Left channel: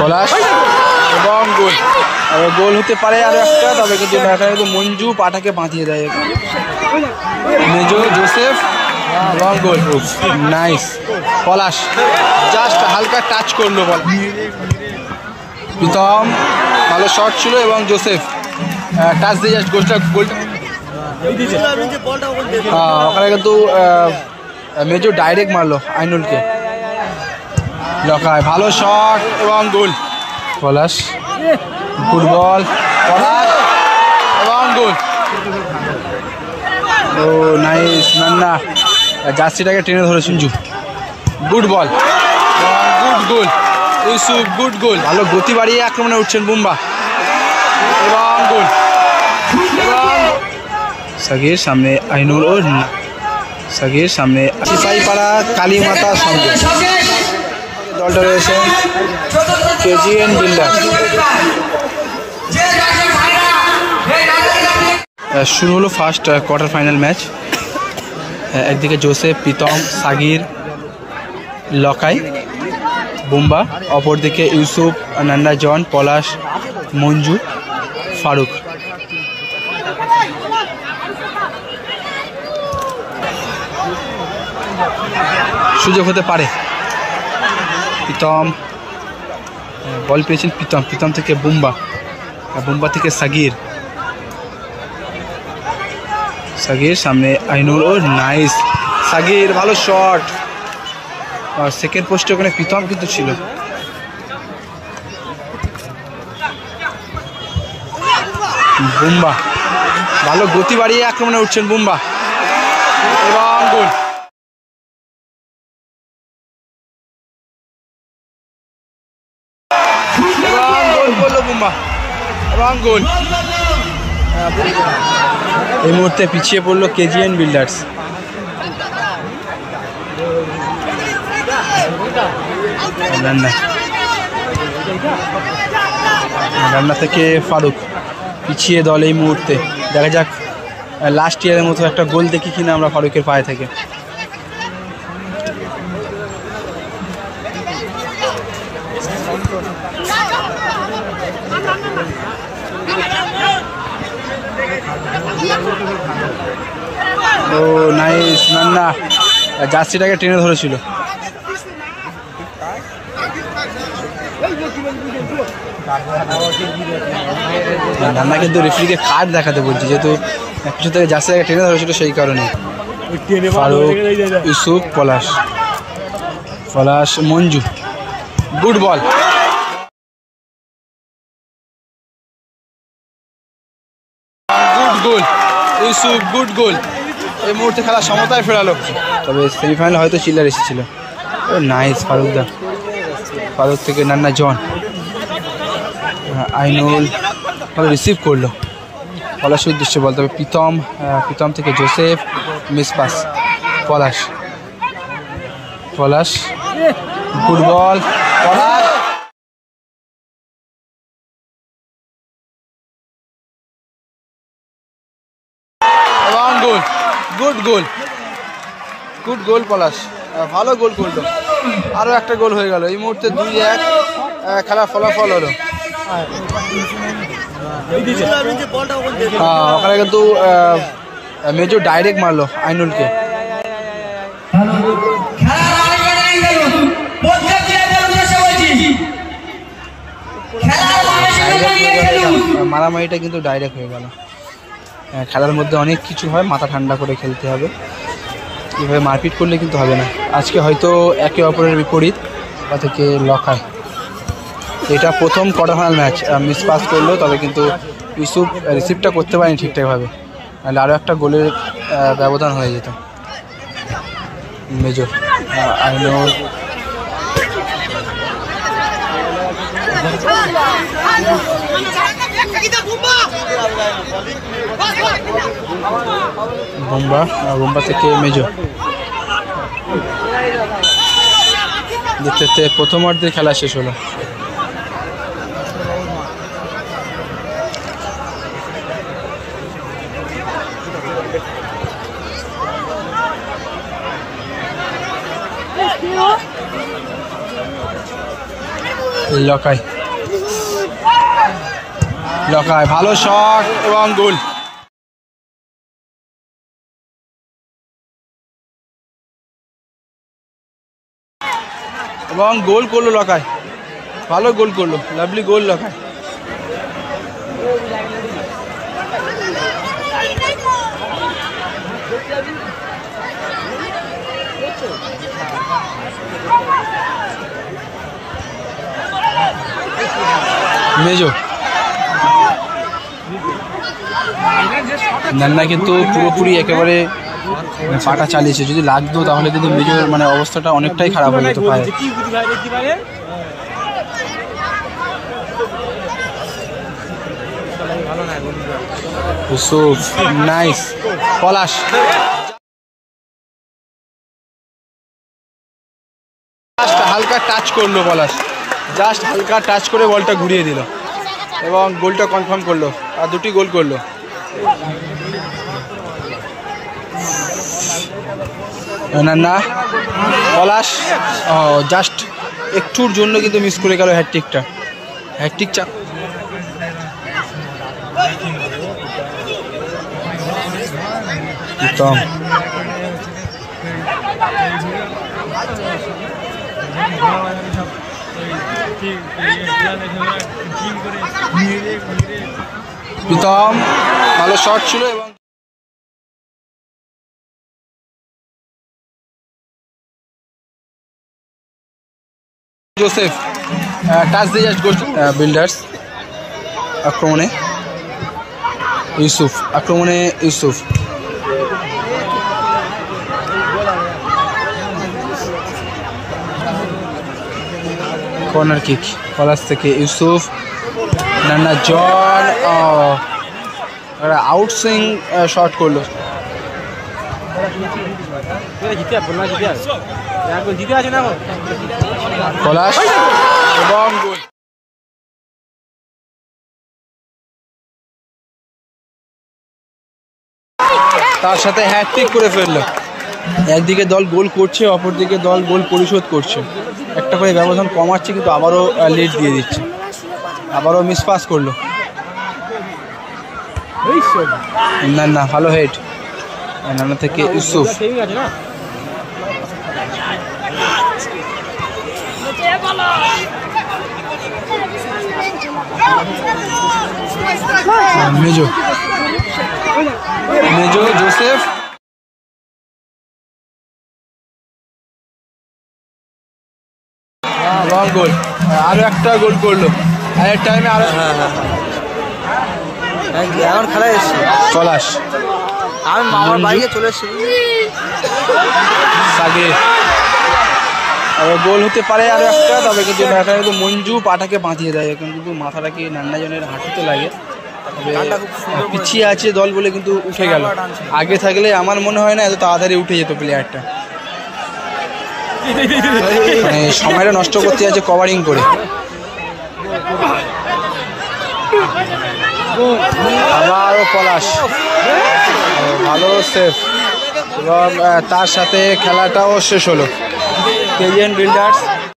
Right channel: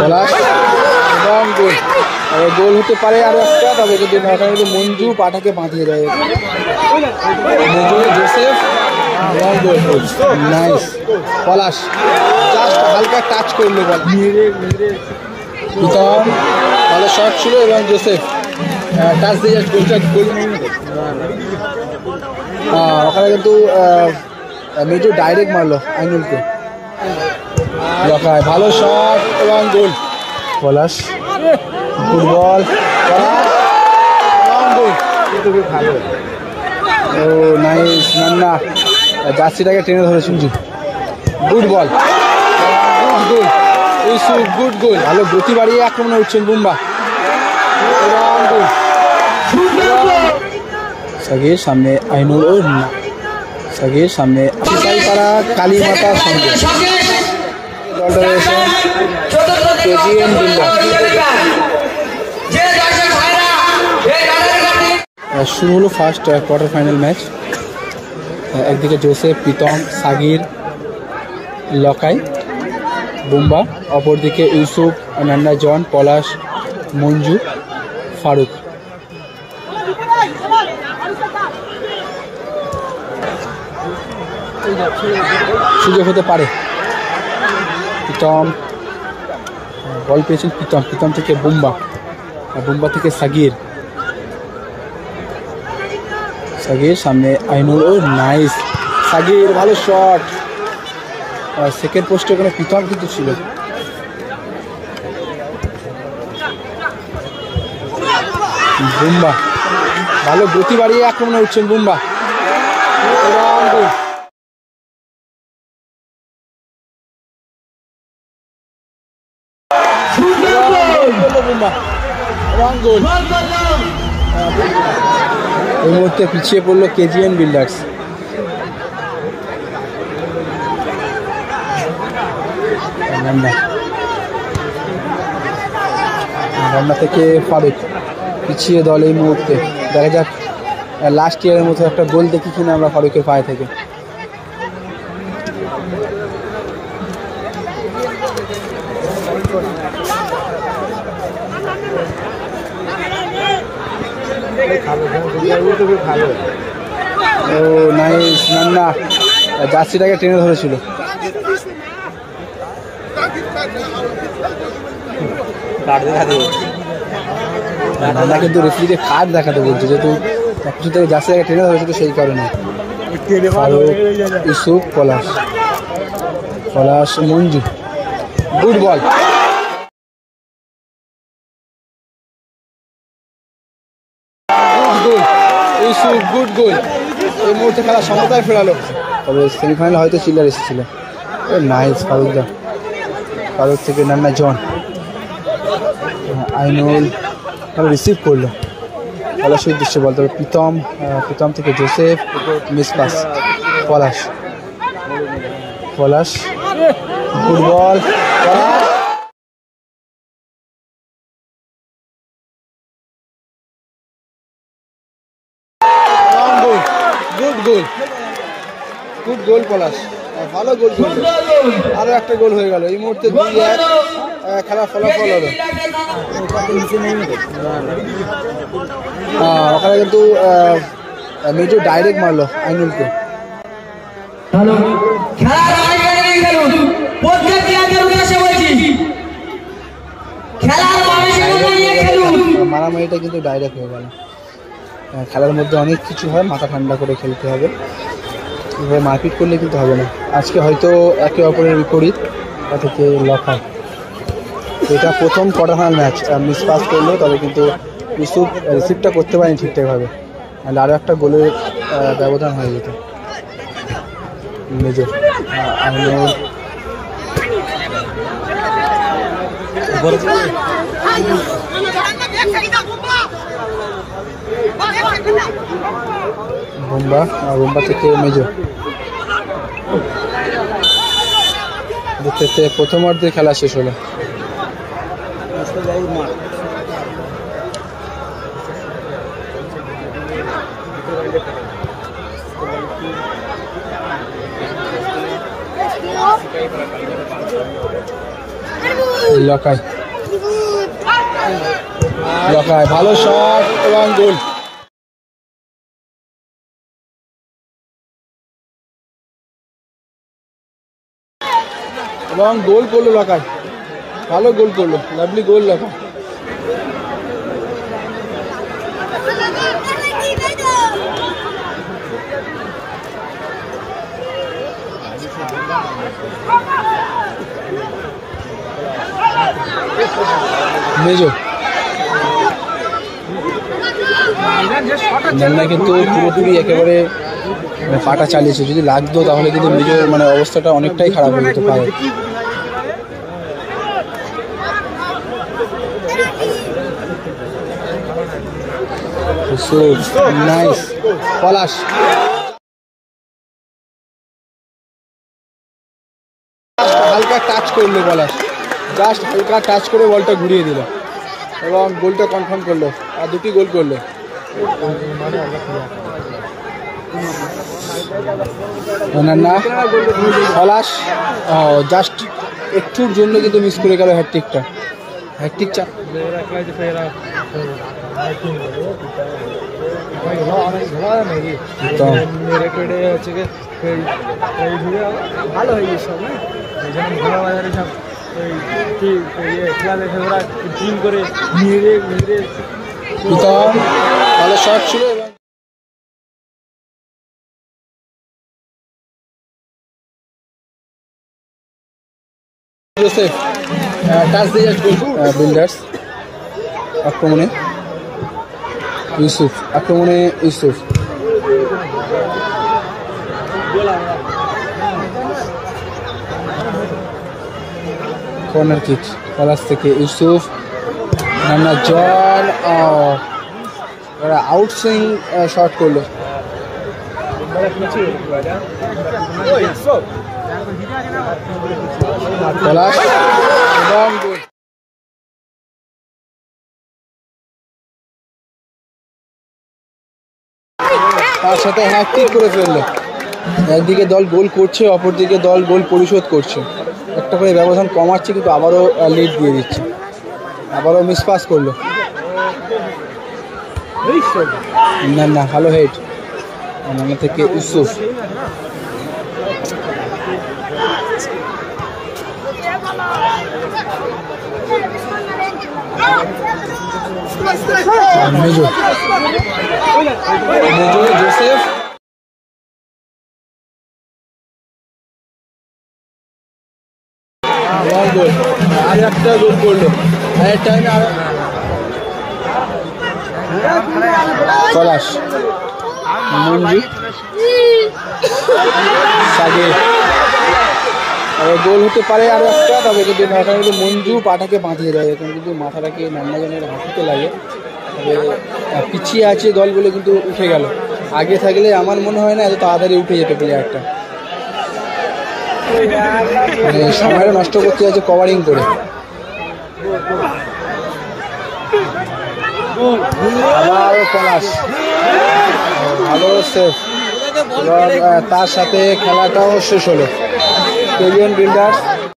পলাশ এবং গোল। আর গোল হতে পারে আরো একটা, তবে কিন্তু এখানে কিন্তু মঞ্জু পাটাকে বাঁধিয়ে দেয়। মঞ্জু জোসেফ এবং গোল। নাইস। পলাশ জাস্ট হালকা টাচ করলো বল। প্রীতম ভালো শট ছিল এবং জোসেফ টাচ দিয়ে জাস্ট গোলটা গোল। ওখানে কিন্তু মেজো ডাইরেক্ট মারলো আইনুলকে। লকায় ভালো শট এবং গোল। পলাশ ফুটবল পলাশ এবং গোল। ও নাইস। নান্না জার্সিটাকে টেনে ধরে সিঞ্জু। Good ball, good goal. Yusuf good goal. ভালো গতি বাড়িয়ে আক্রমণে উঠছেন বুম্বা এবং গোল। এবং সাগির সামনে আইনুল ও না, সাগির সামনে সিপাহীপাড়া কালী মাতার সঙ্গে দলটা রয়েছেন কেজিএন বিল্ডার। শুরু হলো ফার্স্ট কোয়ার্টার ফাইনাল ম্যাচ। একদিকে জোসেফ, প্রীতম, সাগির, লকাই, বুম্বা, অপরদিকে ইউসুফ, নান্না, জন, পলাশ, মঞ্জু, ফারুক। সুযোগ হতে পারে। প্রীতম বল পেয়েছেন প্রীতম, প্রীতম থেকে বুম্বা, বুম্বা থেকে সাগির, সাগির সামনে আইনুল ও নাইস। সাগির ভালো শট। সেকেন্ড পোস্টে ওখানে প্রীতম কিন্তু ছিল। বুম্বা ভালো গতি বাড়িয়ে আক্রমণে উঠছেন বুম্বা এবং গোল। এবং গোল করলো বুম্বা এবং গোল। এই মুহূর্তে পিছিয়ে পড়লো কেজিএন বিল্ডার্স। রান্না থেকে ফারুক পিছিয়ে দল এই মুহূর্তে। দেখা যাক লাস্ট ইয়ারের মতো একটা গোল দেখি কিনা আমরা ফারুকের পায়ে থেকে। ও নাইস। নান্না জার্সিটাকে টেনে ধরেছিল। নান্না কিন্তু রেফারিকে কার্ড দেখাতে বলছে, যেহেতু কিছু থেকে জার্সিটাকে টেনে ধরেছিল সেই কারণে। Farooq, Yusuf, Palash, Palash, Manju good ball. Good goal Yusuf, good goal. এই মুহূর্তে খেলা সমতায় ফেরালো, তবে সেমিফাইনালে হয়তো চিল্লার এসেছিল। নাইস ফারুক দা। ফারুক থেকে নান্না, জন, আইনুল ভালো রিসিভ করলো পলাশের উদ্দেশ্যে বল, তবে প্রীতম, প্রীতম থেকে জোসেফ মিস পাস। পলাশ, পলাশ গুড বল। পলাশ এবং গোল। গুড গোল, গুড গোল পলাশ, ভালো গোল করলো। আরও একটা গোল হয়ে গেল। এই মুহূর্তে 2-1 খেলার ফলাফল হলো। ওখানে কিন্তু মেজো ডাইরেক্ট মারলো আইনুলকে। মারামারিটা কিন্তু ডাইরেক্ট হয়ে গেল। খেলার মধ্যে অনেক কিছু হয়, মাথা ঠান্ডা করে খেলতে হবে। এইভাবে মারপিট করলে কিন্তু হবে না। আজকে হয়তো একে অপরের বিপরীত থেকে লকায়। এটা প্রথম quarter final match. Miss pass করলো, তবে কিন্তু ইউসুফ রিসিভটা করতে পারেনি ঠিকঠাকভাবে, নাহলে আরও একটা গোলের ব্যবধান হয়ে যেত। মেজর আইনুল বুম্বা, বুম্বা থেকে মেজর। দেখতে দেখতে প্রথম অর্ধের খেলা শেষ হলো। লকাই লকাই ভালো শট এবং গোল। এবং গোল করলো লকাই, ভালো গোল করলো, লাভলি গোল লকাই। মেজো নান্না কিন্তু পুরোপুরি একেবারে পাটা চালিয়েছে, যদি লাগতো তাহলে কিন্তু মেজোর মানে অবস্থাটা অনেকটাই খারাপ হয়ে যেত পায়ে। নাইস পলাশ, হালকা টাচ করলো পলাশ, জাস্ট হালকা টাচ করে বলটা ঘুরিয়ে দিল এবং গোলটা কনফার্ম করলো, আর দুটি গোল করলো। না পলাশ জাস্ট একটুর জন্য কিন্তু মিস করে গেল হ্যাটট্রিকটা। হ্যাটট্রিক চা প্রীতম ভালো শট ছিল এবং জোসেফ টাচ দিয়ে যাচ্ছে গোল। বিল্ডার্স আক্রমণে ইউসুফ, আক্রমণে ইউসুফ, কর্নার কিক পলাশ থেকে ইউসুফ, নান্না জন আউটসুইং শট করলো। পলাশ এবং গোল। তার সাথে হ্যাটট্রিক করে ফেললো। একদিকে দল গোল করছে, অপরদিকে দল গোল পরিশোধ করছে, একটা করে ব্যবধান কমাচ্ছে কিন্তু আবারও লিড দিয়ে দিচ্ছে, আবারও মিস পাস করলো। না ভালো হেড নানা থেকে ইউসুফ, মেজো মেজো জোসেফ এবং গোল, আরো একটা গোল করলো। আর টাইমে আরো পলাশ, মঞ্জু সাগে গোল হতে পারে আরো একটা, তবে কিন্তু এখানে কিন্তু মঞ্জু পাটাকে বাঁধিয়ে দেয়, এখন কিন্তু মাথাটাকে নান্নাজনের হাঁটুতে লাগে। তবে পিছিয়ে আছে দল বলে কিন্তু উঠে গেল, আগে থাকলে আমার মনে হয় না এত তাড়াতাড়ি উঠে যেত প্লেয়ারটা, মানে সময়টা নষ্ট করতে যাচ্ছে কভারিং করে। আবারও পলাশ ভালো সেফ এবং তার সাথে খেলাটাও শেষ হলো। KGN builders